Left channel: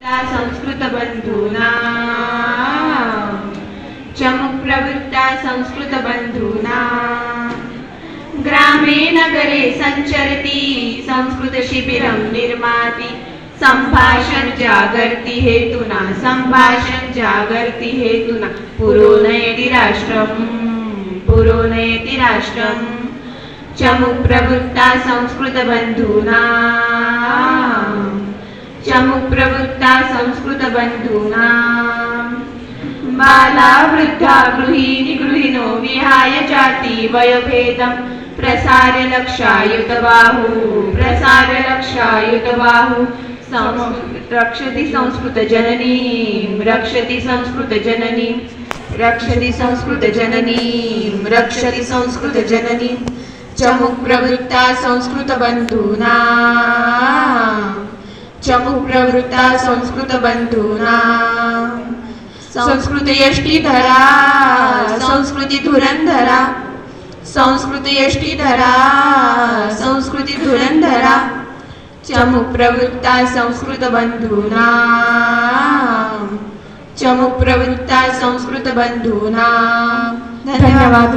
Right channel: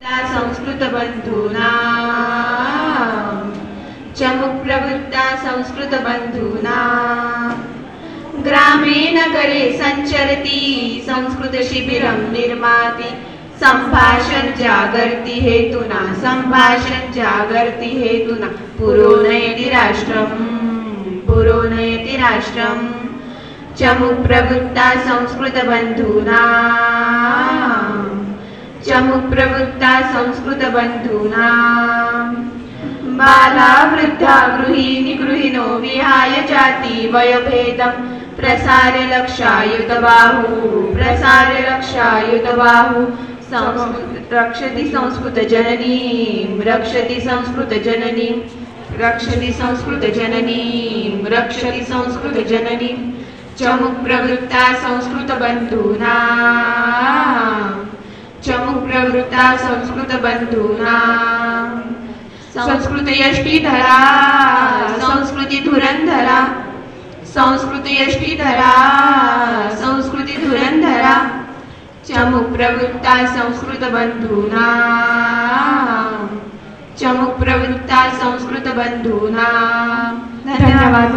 संस्कृत बंधूना चमुप्रवृत्ता संस्कृत बंधूना ग्रामे नगरे संचरति संस्कृत शिबिरं निर्माति संभाषण जागर्ति हेतुना पुरो नयति राष्ट्रं चमुप्रवृत्ता संस्कृत बंधूना चमुप्रवृत्ता संस्कृत बंधूना बाला वृद्धा गृहिणी गृहिणो विहाय जाति वयोभेदं प्रसार्य लक्षायुत बाहु रक्षति संस्कृत जननी चमुप्रवृत्ता संस्कृत बंधूना चमुप्रवृत्ता संस्कृत बंधूना संस्कृत यष्टीधरा संस्कृति धुरंधरा चमुप्रवृत्ता संस्कृत बंधूना धन्यवाद।